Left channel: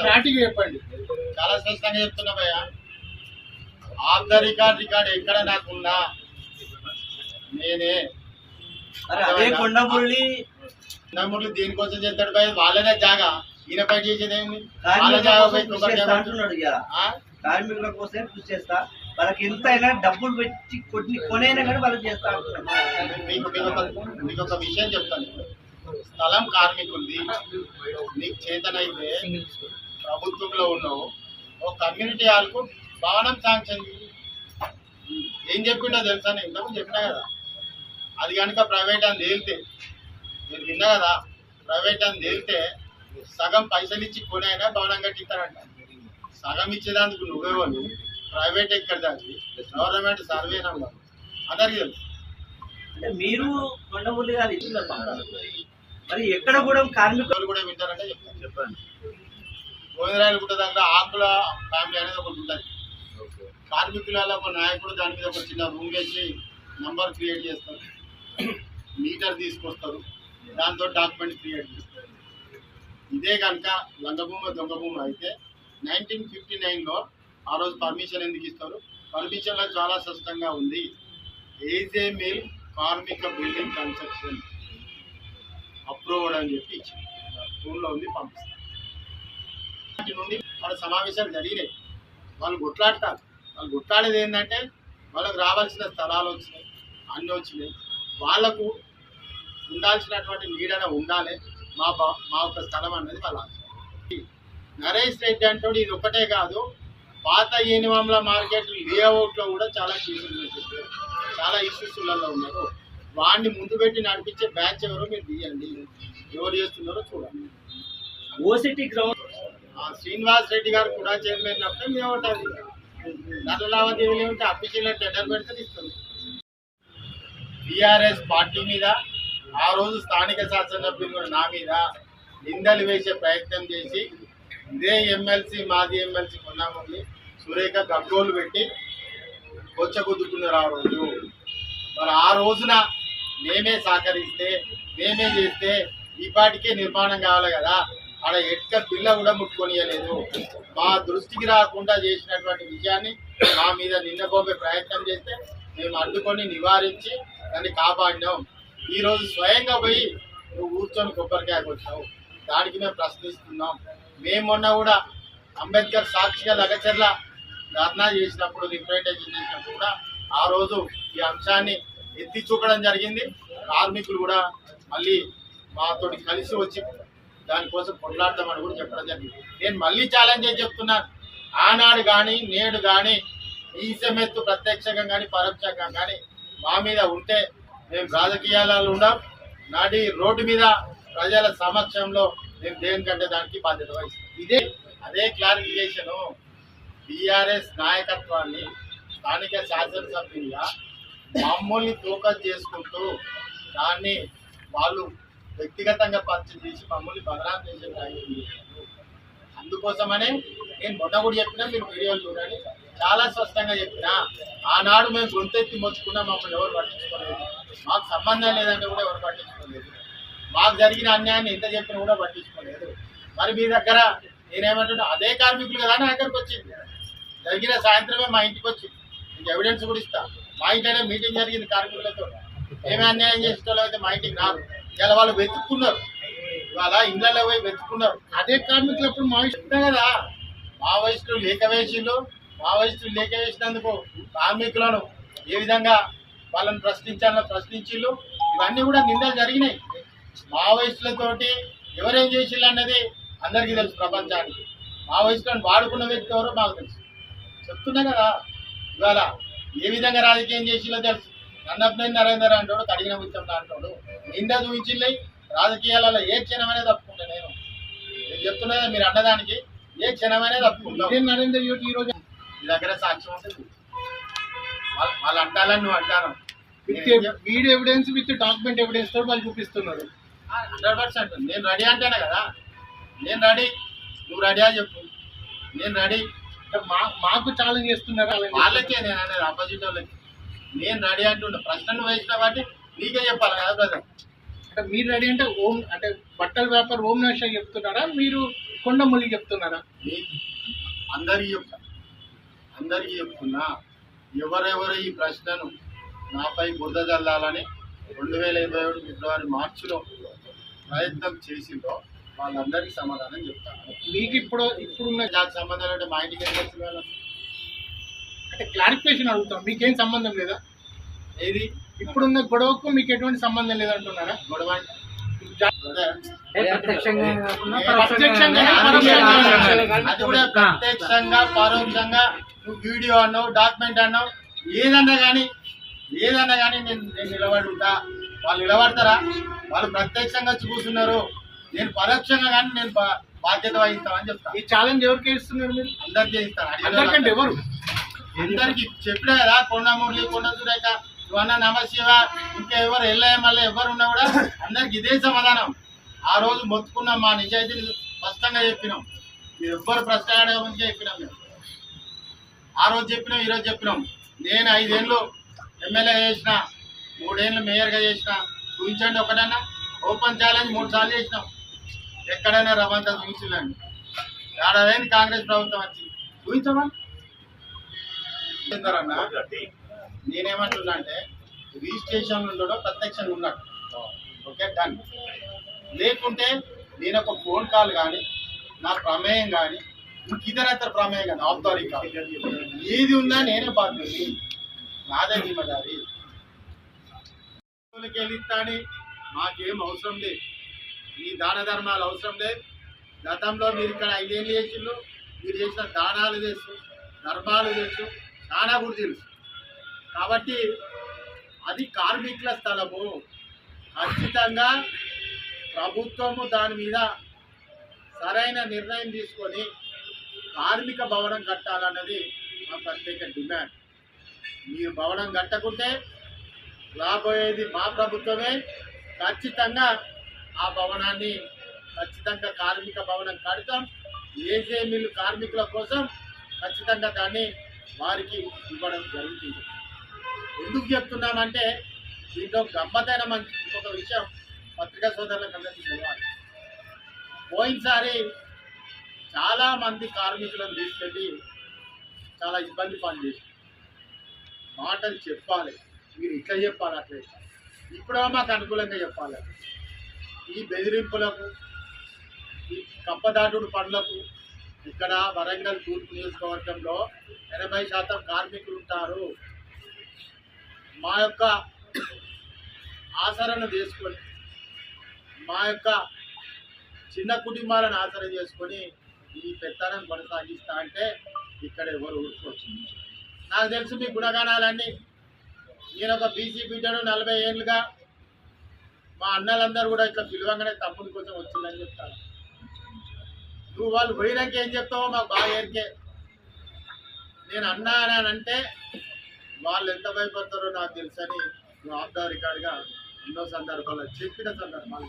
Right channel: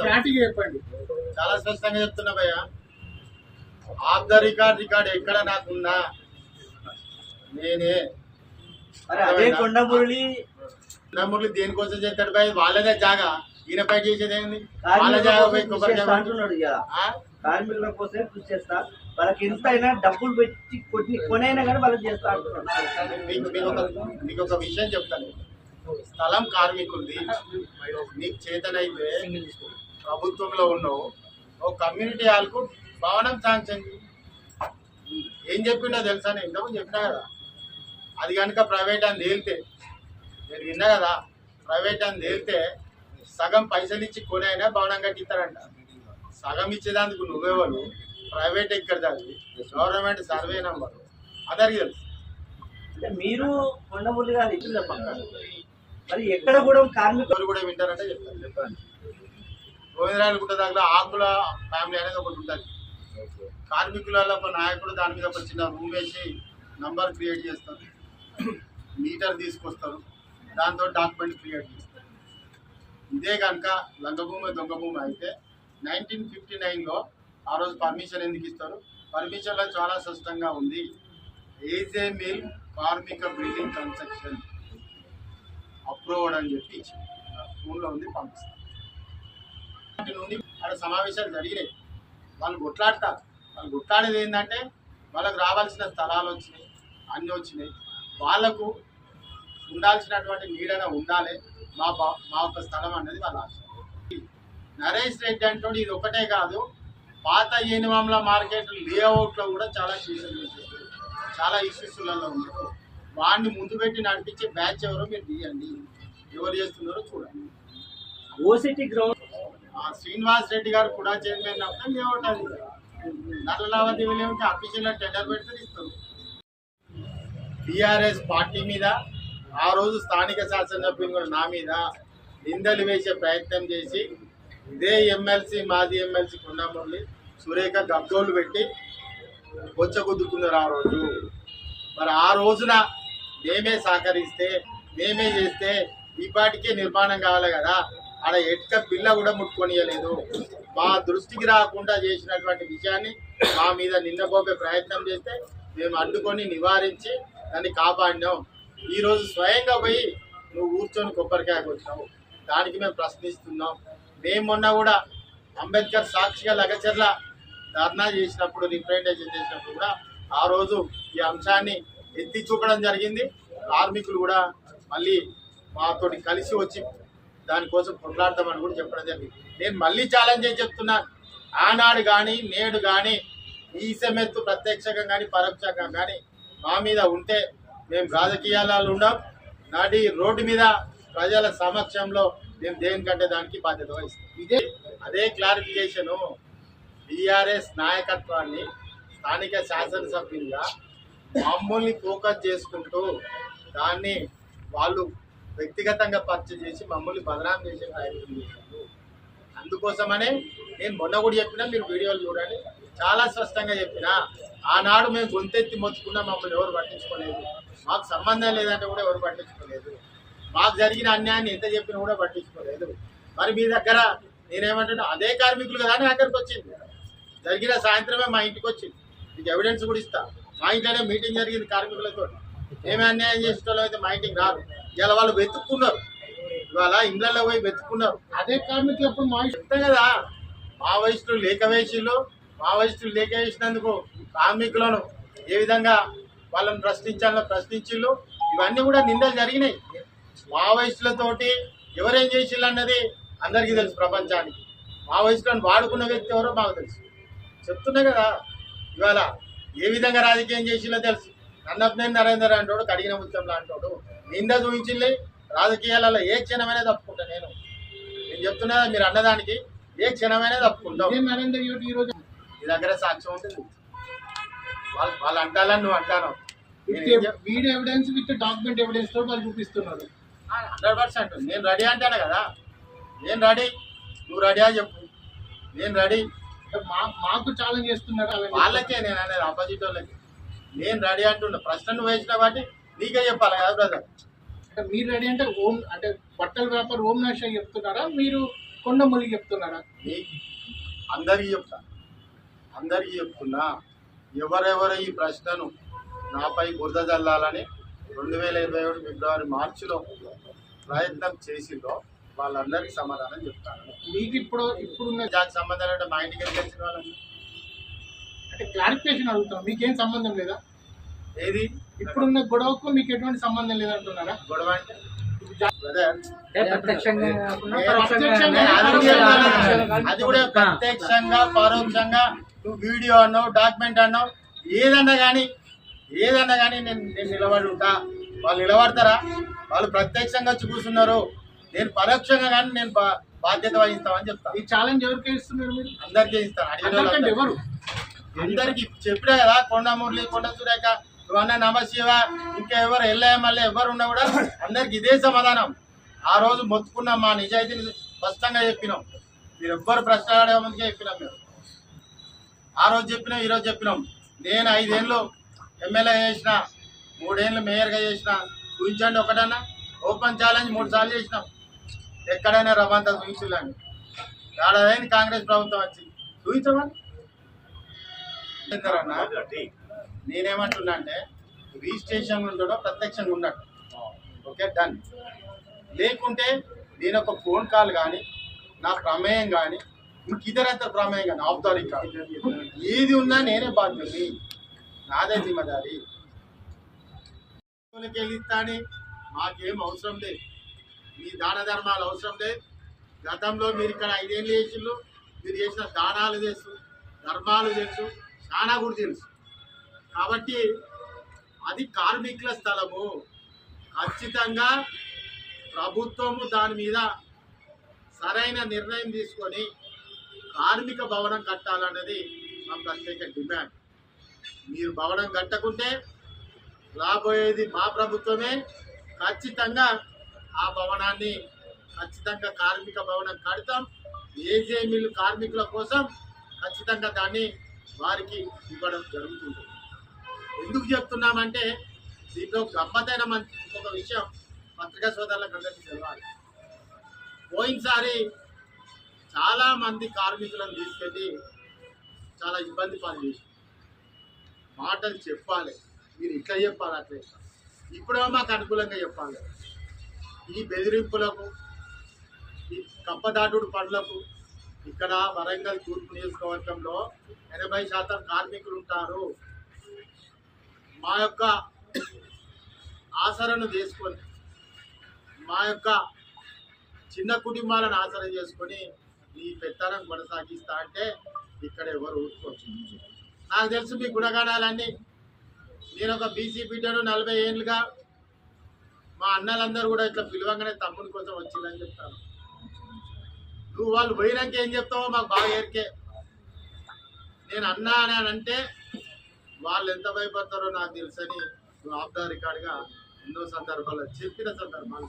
క్లారిటీగా చెప్పండి. చాలా స్పష్టంగా చెప్తున్నా భయ్య. ఆఫ్ ద రికార్డ్ ఎక్కడ నాకున్నా నేనే. కొండమురళి దేనికోసం చేస్తాడు భయ? వాళ్ళదే జాగా, ఈయన పై చేసేది ఏముంది? వాళ్ళ జాగా పోయి కార్మికుల కోసం కృషి చేస్తా, వాళ్ళకి ఎంత అయినా డబ్బులు పెట్టి కొనైనా కానీ వాళ్ళు చేస్తా అంటున్నారు. మీకు ఒక విషయం చెప్తాను. స్థలం కార్మికులది. నీకు చేతనైతే ప్రభుత్వంలో ఉన్నావు, ఓ కమ్యూనిటీ హాల్కు భవనం శాంక్షన్ ఏం చెప్పిండో తెలుసా? నేను ఇంతకుముందు చెప్పినా కదా. అది కనుక ప్రైవేట్ అని తేలితే, నేను విన్నా కదా, ప్రైవేట్ అని తేలితే సగం పైసలు ఇచ్చి కొని అయినా భవనం కట్టిస్తారంట. సగం ఇచ్చేదానికి నువ్వేవాళ్ళు, ప్రైవేట్ ఎక్కడ దాన్ని, గవర్నమెంట్ సర్వే నెంబర్ అందరికి తెలుసు. అంటే మీరు కొండమురళి గారు ఇల్లు మరి ఎక్కడ కూడా కార్మికులు కూడా వింటారంటే చెప్తాను. చెప్పండి. గోవిందరాయలగుట్ట దగ్గర ఆకుల ఫ్యామిలీ అనేది ఒకటి ఉంటుంది. కార్మికులలో ఒక నాయకుడు దాని మీద ఒక చిన్న రూమ్ వేసి నంబర్ క్రియేట్ చేస్తారు, మీటర్ తీసుకొస్తారు, దాంతో డాక్యుమెంట్ క్రియేట్ చేస్తారు. ఇదే కనుక లంగభూమి దొంగభూమి అయితే 1959లో ఆ రోజు పర్మిషన్ ఎందుకు ఇస్తారు? పర్మిషన్లో చాలా స్పష్టంగా ఉంది, ఏజే మిల్ కార్మిక బిల్డింగ్ కన్స్ట్రక్షన్ అప్రూవ్డ్ అని చెప్పి ఇచ్చింది. రూమ్లో ఉంది, పంపిస్తారు. వాటి నుండి వాళ్ళ సమావేశాలు జరిగినాయి. వాళ్ళు కొట్లాడతారు. వాళ్ళు కొట్లాడేది ఏంటంటే వాళ్ళకు రావాల్సిన స్థలాలు వచ్చినాయి, అన్నీ వచ్చినాయి. వాళ్ళకు ఉండాల్సినటువంటి నీడన ఉండాలి, మా ఒక స్థలం అనేది వాళ్ళ ఆశ. నరేష్ రెడ్డి అంటోడు ఇది ఒకటే కాదు, పాత ఏనివాంల మార్కెట్ లేఅవుట్లో కూడా చాలా కేసులు చేశారు, చాలా ఇష్యూస్లలో ఉన్నారు. వాడిని ముందు పెట్టి నడిపించే బ్యాచ్ ఎవరో మీరు తీయండి, ఎవరు చేస్తున్నారో చూడండి. ఓసిటీ గ్రౌండ్ శ్రీనివాస్ రెడ్డి గారు కూడా చైర్మన్ అప్పుడే మేము ఉంటుంది. నల్ల లావాదేవీలు ఏమిటి? అఫీషియల్ టెండర్ పెడితే ఇస్తారు. టీఆర్ఎస్ పార్టీ మీద ఆ రోజు స్థానిక శాసనసభ్యులు కూడా నా మీద నిందలు వేసే ప్రయత్నం చేసి ఇదే ఎమ్మెల్సీ, మాజీ ఎమ్మెల్సీ కొండమురళి సురేఖ గగ్గోలు పెట్టి కొచ్చగుద్దుకున్నారు ఆ రోజు. మరి ఆ రోజున మేమే సహకరిస్తే, మేమే చేస్తే ఈ పాటికే నిర్మాణం కావాలి కదా. ఆడ ఎట్క పిల్ల కూడా ముట్టుకొనియలేదు. మా దృష్టికి రాకుండా చేసినటువంటి విషయాన్ని మా మీద నిందపోపే ప్రయత్నం చేస్తే మేము అడ్డుకొని నివారించి దాన్ని కాపాడినాం. ఈరోజు స్వయంగా పోయి నువ్వు కూర్చొని కొబ్బరికాయ కొట్టావు, దానికి మేము ప్రశ్నిస్తున్నాం. మేము మొన్న కూడా అంబేద్కర్ సాక్షిగా లగచర్ల ధర్నా చేసినప్పుడు, రిప్రజెంటేషన్ చేసినప్పుడు కూడా ఆ రోజు ఈ అంశాన్ని ఎత్తి చూపడం జరిగింది. కార్మికులు కూడా మళ్ళీ మాతోటి కలిసి వచ్చి దానికోసం కొట్లాడతామని కూడా చెప్పడం జరిగింది. నేను మళ్ళీ ఛాలెంజ్ చేసి చెప్తున్నాను, ఆనాడు కానీ నేడు కానీ ఈ సెమెత్తు ప్రత్యక్షంగా కానీ పరోక్షంగా కానీ మా మీద ఉంటే మేము రాజకీయాలలో ఉండం, నాటి రోడ్డు మీద ప్రజల సమక్షంలో మేము దేనికంటే దానికి బాధ్యత వహిస్తాం. అదే క్లారిఫికేషను టీఆర్ఎస్ నాయకత్వాన్ని స్థానిక శాసనసభ్యులుగా మమ్మల్ని ఫోకస్ చేసుకుంటూ దాన్ని వాళ్ళు వ్యక్తిగతంగా పరిచయం చేసి మమ్మల్ని బదనాం చేసే ప్రయత్నం చేశారు. అందుకోసమనే నేను మొన్న కూడా చెప్పినా, మీరు వీడియోలు చూడండి, చాలా స్పష్టంగా చెప్పినా. ఆనాడు మేము గొంతెత్తి మొత్తుకున్నా, మమ్మల్ని ఎవరు పట్టించుకోలేదు. మాకు సంబంధం లేదంటే కూడా ఎవరు పట్టించుకోలేదు. మాకు జరిగిన అన్యాయాన్ని ఎంత చెప్పినా కూడా పట్టించుకోలేదు. మరి మీ దగ్గర నేనేమంటున్నా, అదే కార్మికులు కదా నా దగ్గరకు వచ్చింది. జరిగిన సాయంత్రమే మా ఇంటికి వచ్చింది, మీకు ఎవిడెన్స్ కూడా ఇస్తా. మా ఇంట్లోనే మీటింగ్ జరిగింది కార్మికులతో. ఏమే అన్యాయం చేసేటోళ్ళు అయితే మా ఇంటికి రారు. ఇలా వాళ్ళు వెతుక్కున్నారు, ఇవాళ ఇళ్ళల్లో పోయి వెతుక్కున్నారు. అదే కార్మికులు అప్పుడు మావోయిస్టు కదా, మావోయిస్టులు మావోయిస్టులు లేక వేసినందుకు కార్మికులను ఏ విధంగా వాళ్ళని ప్రశ్నించిళ్ళు. ఇవన్నీ కూడా నిందలు జరిగినాయి. మావోయిస్టులతోటి ఎవరేం చేసిళ్ళు అన్నది అందరికీ తెలుసు ప్రపంచానికి. మావోయిస్టులను వాడుకున్న వ్యక్తి ఎవరో మాకు తెలుసు. చెప్తున్నా కదా, ఇవాళ ఏ విధంగా రాజకీయం చేసిలో తెలుసు. నన్నపనేని నరేందర్ అంటాడు, కడిగిన ముత్యం లాంటాడు, నింద చూపించిల్లి. రాజకీయాలలో ఏ క్షణమైనా తప్పుకుంటా. నేను చెప్తున్నా, మీరు అన్నదానికి ఏ క్షణమైనా తప్పుకుంటావు. నరేందర్ ఈ రోజు మీ దగ్గర సాక్ష్యం ఉంటుంది, వాళ్ళు అంటాలని నువ్వు అంటాను. Video evidence with document evidence తో వాళ్ళు చూపిస్తున్నారు. 100% నేను రెడీ అంటాను కదా. నేను రెడీ, నువ్వు రెడీ అని చెప్పు. నేను రెడీ. మాకు ఛాలెంజ్ చేస్తున్నారు వాళ్ళకే నేను అనేది, ఆపోజిట్ వాళ్ళకి. నేను రెడీ అంటున్నా. ప్రశ్న నువ్వు వేసిన కాబట్టి నీకే చెప్పాలి కదా బ్రదర్. మీరు రెడీ అంటే ఓం అంటే బట్టల వ్యాపారం ఓం నష చెప్తున్నారా? మీరు కొండమూలికి చెప్తున్నారా? అందరికీ చెప్తున్నా, ఎవరెవరు ఈ ప్రశ్నను నాపై బురద జల్లాలని 2021 ఫిబ్రవరి మార్చిలో ప్రయత్నం చేసిందో వాళ్ళందరికీ సమాధానం చెప్తాను. మీకు ఇప్పుడున్న దానికి సంబంధం అంటే మా ఇంటికి తెలిసిన వాళ్ళని అంటే క్లారిఫికేషన్ అడుగుతాం, మీకేం సంబంధం లేదా? ఏది ఇప్పుడున్న గొడవకు మీకు ఎటువంటి సంబంధం లేదంటున్నారా? గొడవ అంటే అది కూడా ప్రత్యక్షంగా పరోక్షంగా నువ్వు వీడియో అన్నావు, డాక్యుమెంట్ అన్నావు, ఏదన్నా కానీ నేను నిలబడి ఉంటా. వాళ్ళు నిలబడతారా? వాళ్ళు ప్రత్యక్షంగా వచ్చి కూర్చున్నారు, నేను పరోక్షంగా కానీ నేను బాధ్యత వహిస్తామని చెప్తాను. ఈ ఛాలెంజ్ ఎవరికి ఇస్తున్నారు మీరు? అందరికీ ఇస్తాను. అందరికంటే ఎవరు? అందరికి చెప్పినా కదా, కొండమురళి, కొండ సురేఖ, నువ్వన్న నమశివ, ఇంకా ఎవరు మళ్ళీ ఎవరు ఉన్నా కూడా అందరికి ఇదే సమాధానం. ఆ రోజు మొత్తుకున్నాం, మా నిజాయితీని స్పష్టంగా చెప్పినాం. మీరు ఎవ్వరు ప్రశ్న అడగమందుకే చెప్పినాం. మేము ఆ రోజు చెప్పినాం, ఈరోజు చెప్పినాం. నేను 5 ఏళ్ళు ఎమ్మెల్యే చేసిన, 3 ఏళ్ళు మేయర్గా చేసిన. చూపించండి ఒకటన్నా. ఓపెన్ ఛాలెంజ్ 3 సార్లు చేసినాం. ఎక్కడైనా రవ్వంతా చూపించలేండి. ఏడాది కాంగ్రెస్ ప్రభుత్వం వచ్చింది, చూపించమని. అన్న నేనేమంటున్నా అంటే, రిజిస్ట్రేషన్ ఉండడం ప్రత్యక్షంగా ఉన్నట్టు. Okay, done. లేకుంటే నేను ఒక ఫోన్ కాల్ కానీ, నా ప్రమేయం కానీ, ఇంక ఇతరత్ర ప్రమేయం కానీ, ఆఫ్తారీ కాల్ ఏది ఉన్నా నేనే బాధ్యుని, నాదే జిమ్మదారి. వెళ్ళిస్తాని మాకేం అవసరం లేదు, మీ దాన ధర్మాలు అవసరం లేదు. గతంలో మీరు ఇక్కడ 5 ఏళ్ళు చేసిండ్రు, మీరు చేసిన దానాలు తెలుసు, ధర్మాలు తెలుసు, చాలా కూడా తెలుసు. కాబట్టి అది కార్మికుల స్థలము. ఖచ్చితంగా ప్రభుత్వము దాని మీద సరైన నిర్ణయం తీసుకొని కార్మిక భవనం కట్టాలన్నది మా ప్రత్యేక డిమాండ్. మీరు భవనం కట్టకుంటే రాబోయేది మా ప్రభుత్వమే. ఖచ్చితంగా ఆ భవనాన్ని ఖచ్చితంగా కార్మిక భవనం కడతాం. ఏజే మిల్లు కార్మికుల కోసం ఖచ్చితంగా దాన్ని వారికి ఇవ్వడం జరుగుతుంది. ఎందుకు చెప్తున్నామంటే, దీంట్లో గమ్మతైన ఇంకొక విషయం పత్రికా సోదరులకు అందరికీ తెలవాలి. పోయినసారి చాలామంది కార్మికులను తీసుకెళ్ళి చాలా ఇబ్బంది పని చేసి మాటలు చెప్పాలి, మీరు ఇట్లా చెప్పాలి, అట్లా చెప్పాలి. ఇప్పుడేమో మాకు అనుకూలంగా చెప్పాలి. ఈ బెదిరింపులకు, ఈ కప్పదాటుడు పనులకు ఇక్కడ వరంగల్ తూర్పు నియోజకవర్గంలో 80% కార్మికులు ఉంటారు. మా యొక్క ఆసరను చేసుకొని, మా యొక్క చిన్న కుటుంబాలను ఆసర చేసుకొని ఈ పెత్తనం కొనసాగిస్తా అంటే ఇక్కడ ఎవరు ఊరుకోవచ్చు. నాకు తెలుసు మీ గుణగానాలన్నీ. నేను ఒక బీసీ బిడ్డను 40 ఏళ్ళుగా, మా అన్నలందరూ కూడా ఇట్లా పిలవంగానే తమ్ముని కోసం వచ్చిందని చెప్తాను. నువ్వు వాళ్ళు పోయినాక ఏం చెప్తావో మాకు బాగా ఎరికే. నేను అన్నా అని అంటే వాళ్ళు ఎంత భయపడతారో నాకు తెలుసని నువ్వు ఆఫ్ ద రికార్డ్గా ఎన్నో సందర్భాల్లో చెప్పిన సందర్భాలు.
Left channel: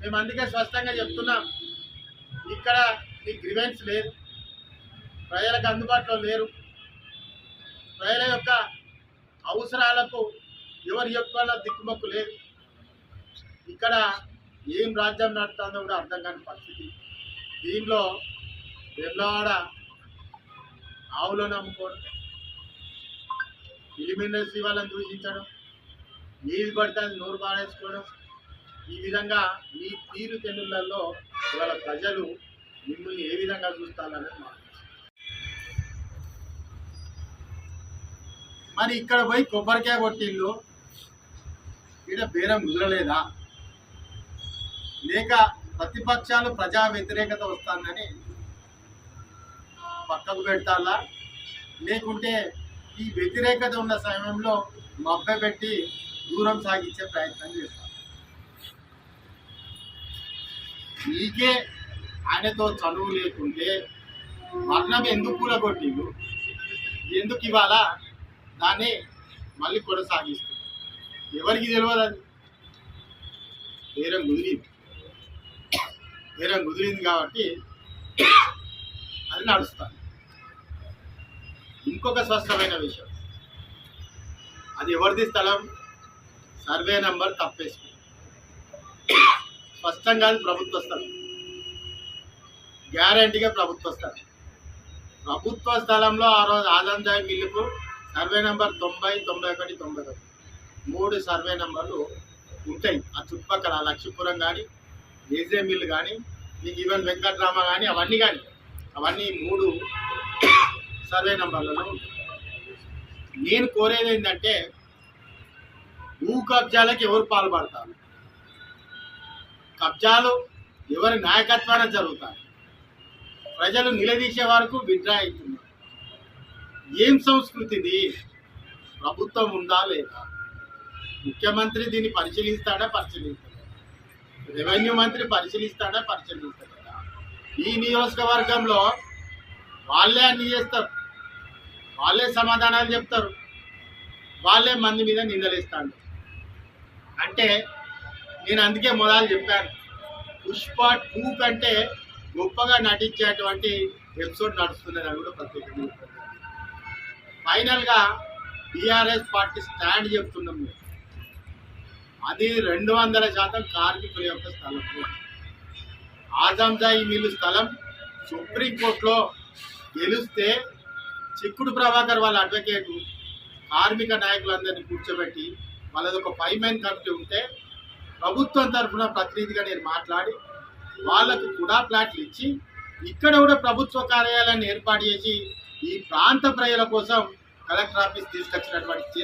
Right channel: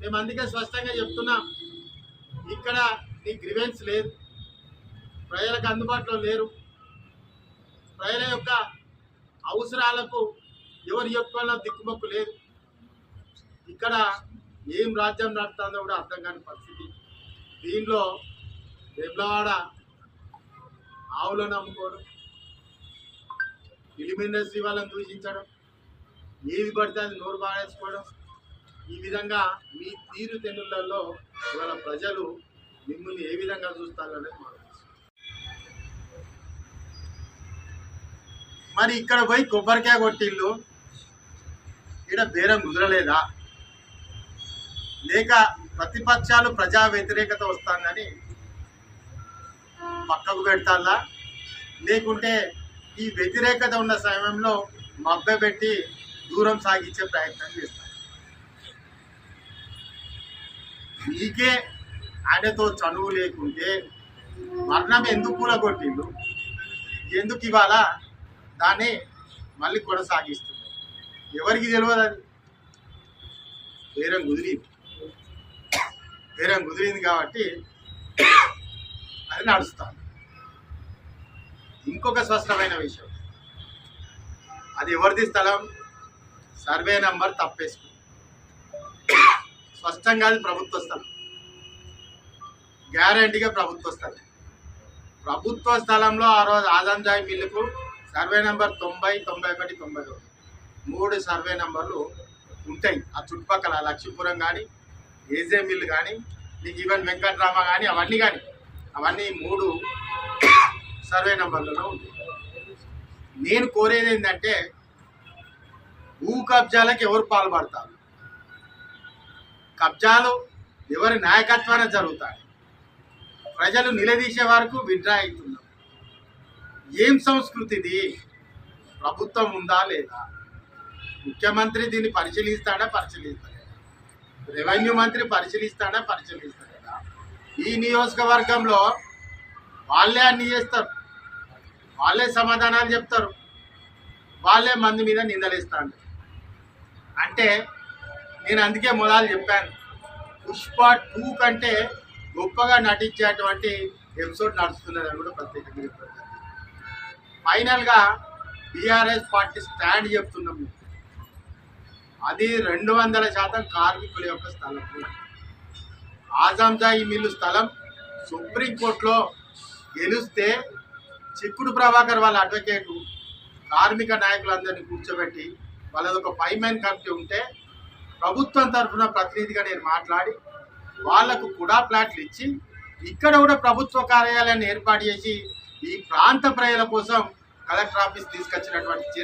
మేము అందుకే స్పష్టంగా చెప్తున్నాం, ఇక్కడ నీ గ్రివెన్స్ లేదు, ప్రజలకు అందుబాటులో లేరు, ప్రజల యొక్క అవసరాలకు ఎవరు చెప్పుకోవాలో దిక్కుమొక్కు లేదు. ఇక్కడ ఏం రాజ్యం నడుతుందో కూడా అర్థం కాని పరిస్థితి. దీనిలో వెమ్లవాడ ఆవులను అమ్ముకోవడం, ఫిలిం ఇండస్ట్రీ వాళ్ళని దూషించడం, ఏది పడితే అది నోరు పాడేసుకోవడం, ఈ విధంగా మీ తీరు తెన్నులలో ఇవాళ ప్రజలు మిమ్మల్ని ఏ విధంగా చూస్తారనేది మాకు. మరి ఇక్కడ పోయి కొబ్బరికాయ కొట్టిళ్ళు, ఇక్కడ బేరం కుదరలేదా? లేక ప్రతిపక్షాలు ప్రజా వ్యతిరేకత వస్తుందని పక్కకు పెడతారా? లేకుంటే ఈ వ్యతిరేకత ఉన్న సమయంలో మభ్యపెట్టి దూరం సాగించే ప్రయత్నం చేస్తారు? మీకే ఆయనతో చనువు లేకుంటే వర్ణం ఎందుకు కూలగొట్టిళ్ళు, ఎందుకు ఇవాళ దాన్ని మళ్ళీ కొనసాగిస్తుంది? ఎవరికి తెలియదు. అది బేరం కుదిరింది కాబట్టి అది నడుస్తుంది. ఇంకొక స్పష్టమైన విషయం, అది ఎవరిది స్థలం, సర్వే నంబర్ తప్పేసుకో, స్పష్టంగా అది ప్రభుత్వ స్థలం. గ్యారంటీగా ప్రభుత్వ స్థలం. ప్రభుత్వ స్థలంలో ఆ రోజు ఆజంజాయి మిల్లుకు సర్వే నెంబర్ 90, 91, 92 3 సర్వే నెంబర్లు ఉంటాయి. ఆ చుట్టుపక్కల లక్ష్మీపురం కానీ, ఏజే మిల్లు కానీ, నీకు ఈవెన్ వెంకట్రామ కానీ అవన్నీ 3 సర్వే నెంబర్లలో ఉంటాయి. నేను కోరేది ఏంటంటే భూ కబ్జాలకు ఎవరు పాల్పడతారు, కబ్జాలు ఎవరి నాయకత్వాన జరుగుతాయి, ప్రజలు నిలదీసే వరకు విడ్రా అవుతున్నారు. ఏం సంస్కృతి ఇది? ప్రభుత్వం ఉందా లేదా? ముఖ్యమంత్రి దీన్ని పరిశీలిస్తాడా పరిశీలిస్తలేదా? రెవెన్యూ మంత్రి పరిశీలిస్తాడా పరిశీలిస్తలేదా? ఈ నియోజకవర్గంలో వాళ్ళే అన్ని చేస్తారు, వాళ్ళే సమాధానాలు చెప్తారు, వాళ్ళే మంది మీద నిందలేస్తాడు. అంటే నేను అందుకే మొదలు చెప్పాను, పుష్ప 2 కంటే గొప్పగా నటించేటువంటి ఎపిసోడ్ నడుస్తున్నదని కూడా ప్రత్యేకంగా చెప్పారు. ఫైనల్గా టీఆర్ఎస్ పార్టీ స్టాండ్ చెప్తున్నాం. అది 200% కార్మికుల యొక్క స్థలం. ఆజంజాయి మిల్లు స్థలం సుప్రీంకోర్టులో గెలిస్తే చిక్కుడు ప్రభాకర్ వాళ్ళ అడ్వకేటు కార్మిక నాయకులందరినీ కూర్చోబెట్టి వాళ్ళది ఒక 5 మెన్ కమిటీ ఉంటే ప్రభుత్వం తరఫున ప్రతినిధిగా నేను మాట్లాడి వాళ్లకు కూడా ప్లాట్లు ఇచ్చి ఇక్కడ కూడా ప్రభుత్వ కార్యాలయాన్ని ఏర్పాటు చేసి ఈ ప్రాంత ప్రజల కోసం కలెక్టర్ ఆఫీస్ తీసుకొచ్చినటువంటి చర్య